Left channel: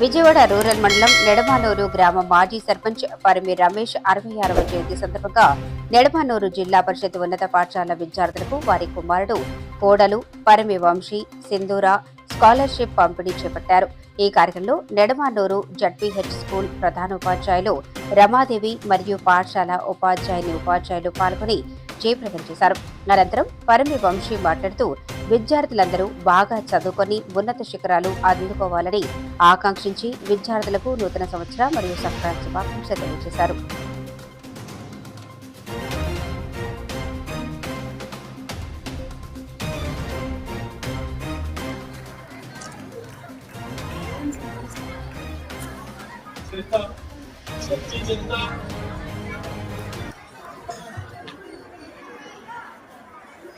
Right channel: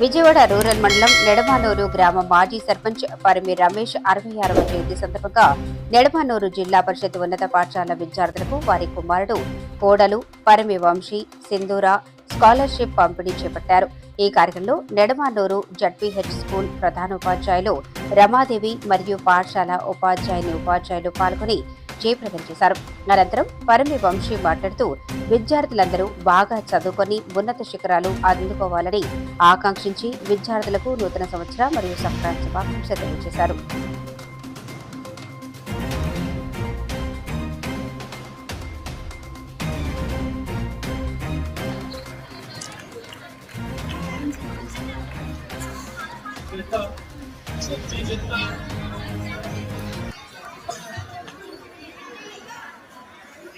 Vijayawada rural మండలం నెడమానూరు గ్రామ మాజీ సర్పంచ్ పరిమి రమేష్ అరవై ఆరవ జయంతి సందర్భంగా నెడమానూరు జిల్లా పరిషత్ ఉన్నత పాఠశాల విద్యార్థులకు వారి కుమారుడు కోడలు పరిమి వంశీ సింధూర స్కాలర్షిప్ పంపిణీ చేపట్టారు. ఈ కార్యక్రమంలో నెడమానూరు జడ్పీహెచ్ స్కూల్ ప్రధానోపాధ్యాయులు రమాదేవి మరియు పాఠశాల ఉపాధ్యాయుని ఉపాధ్యాయులు పాల్గొని జయప్రదం చేశారు. అనంతరం పరిమి వంశీ మాట్లాడుతూ విద్యార్థులందరూ బాగా చదువుకొని ఉన్నత శిఖరాలు అందుకోవాలని ఆకాంక్షించి విద్యార్థులకు నూతన సంవత్సర మరియు సంక్రాంతి శుభాకాంక్ష తెలియజేశారు.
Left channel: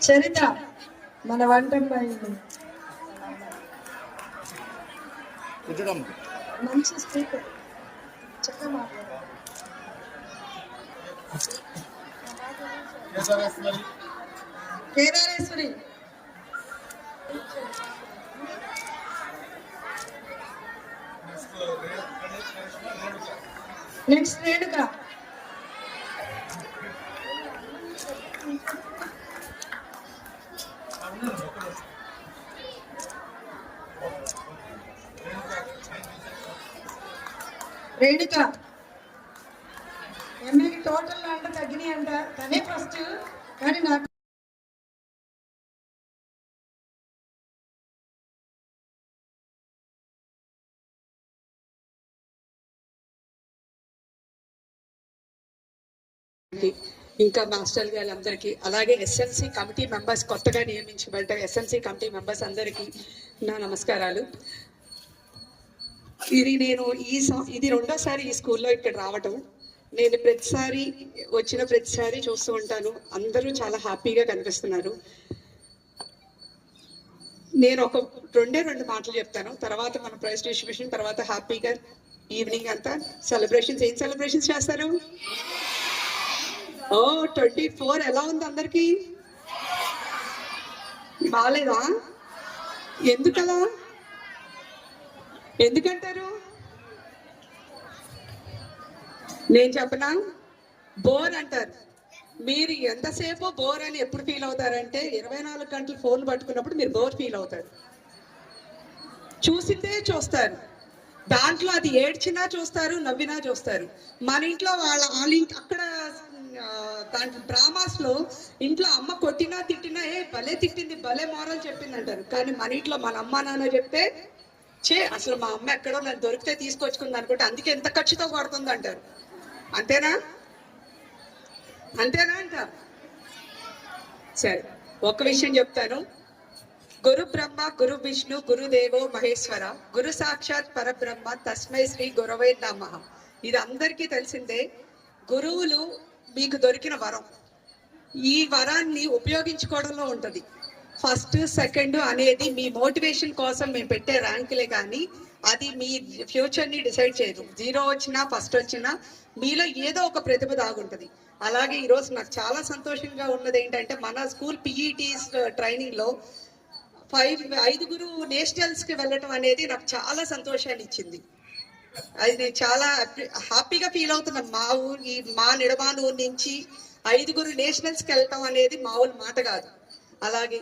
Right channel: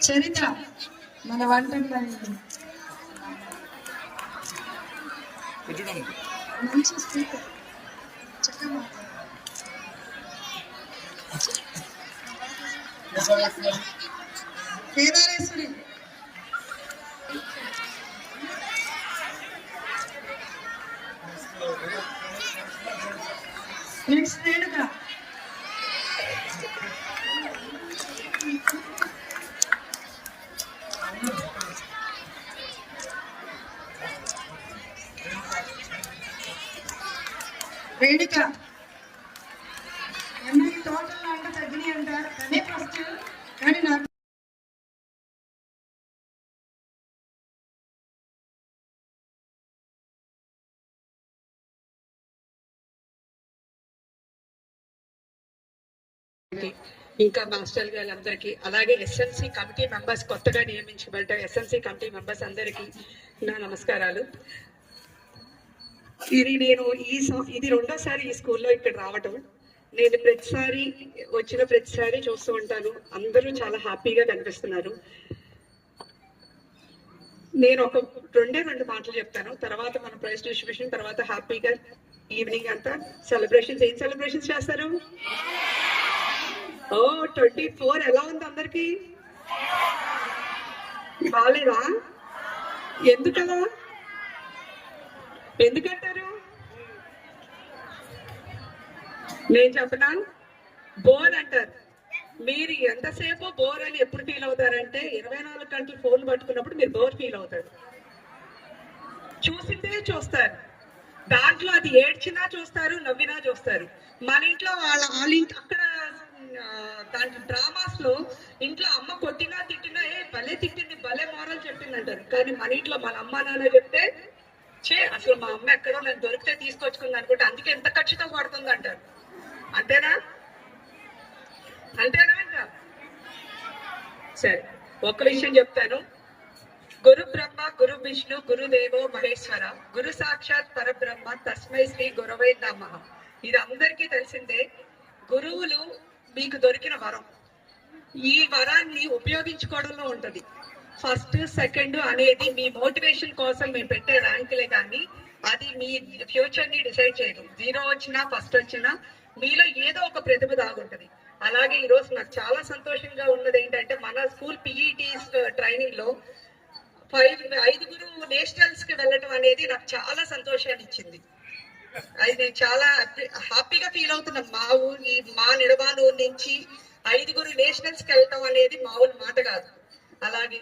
చరిత మన వంట మంచి స్పీకర్ చక్కగా కేదారేశ్వరి నెక్స్ట్ రేణుక. వేడుక. ఎమ్మెల్యే టోటల్ అంటే తగ్గినాయి అంట. అదే ఫస్ట్ కానీ నాకు ఇంకా మాస్టర్ గారందరికీ అలాగే ఎస్ఎల్సి కమిటీ మెంబర్స్ కొత్తగా నియమించబడ్డ ఎస్ఎల్సి కమిటీ మెంబర్స్ అందరికీ నా నమస్కారాలు. ఇది నేను ఈ ఇది రెండోసారి ఈ స్కూల్లో ఇక్కడ రావటం. నేను ప్రతిసారి వచ్చిన ప్రతిసారి చూస్తూ ఉంటాను. అందరూ చాలా హ్యాపీగా కనిపిస్తున్నారు. నేను ఒక రెండే రెండు మాటలు చెప్తాను. తర్వాత మన ప్రైజ్ డిస్ట్రిబ్యూషన్ తర్వాత హ్యాపీగా ఈవినింగ్ అంతా సెలబ్రేషన్స్ ఏం సెలబ్రేషన్స్ చేస్తారు? ఓ ట్వంటీ ఫోర్ ఎలా ఉంది అందరికి? బాగాలేదా ఎందుకలా? ఎందుకంటారు? నేను చెప్పనా? బోర్ అంటారు. మీరు ఎంతసేపు బోర్ అని ఎప్పుడు ఫీల్ అవుతారంటే ఇరవై నాలుగు గంటలు ఫోన్ పట్టుకున్నప్పుడు మీరు బోర్ ఫీల్ అవుతారు. చూసిందే చూస్తారు. దాంట్లో అది ఏడ్చినా చూస్తారు నవ్వినా చూస్తారు. మన ఇంట్లో వాళ్ళ వాళ్ళ ఇంటి అక్కడ దాంట్లో డ్రామాస్లో ఇంట్లో అమ్మ కొట్టినా తిట్టినా ఏ భలే తిట్టింది భలే మారాలు చెప్పింది అంటారు కానీ మన ఇంట్లో మన అమ్మ నాన్న చెప్తే చే అసలు మా అమ్మ ఎక్కడో నేను దొరికితే తీసుకొచ్చుకుంది అనుకుంటే అందుకే ఎంత ఖర్చుతో పడుతుంది అంటారు. అంతేనా? అంతేనా అంటారు? సరే ఒక విషయం చెప్తాను. గురు బ్రహ్మ గురు విష్ణు గురుదేవో మహేశ్వర గురు సాక్షాత్ పరబ్రహ్మ తస్మై శ్రీ గురవే నమ. ఇది అందరికీ తెలిసిందే గురువులు మీకు దొరికిన వరం. ఈ వరాన్ని ఉపయోగించుకోవడంలో ఉంటుంది. ఫస్ట్ సెకండ్ అనేది మీ మోటివేషన్ కోసం మేము పెట్టే ర్యాంకులే కానీ అది మీ ఫ్యూచర్ని డిసైడ్ చేయదు. జీరో వచ్చినా ఫస్ట్ వచ్చినా మీలో ఏదో ఒక ప్రతిభ దాగుంటుంది. అలాగే ఈరోజు నాకు చాలా సంతోషంగా ఉన్నది ఏంటంటే మన స్కూల్ పిఈటీస్ ట్రైనింగ్లో ఫైవ్ ఐదుగురు నేషనల్స్కి వెళ్ళటం అనేది నాకు చాలా సంతోషాన్ని ఇచ్చింది. అది నేను చాలా హ్యాపీగా ఫీల్ అవుతున్నా. మా ఊరి మా నిడబాను నుంచి ఐదుగురు నేషనల్స్కి వెళ్ళటం అనేది మామూలు మాట కాదు. అలాగే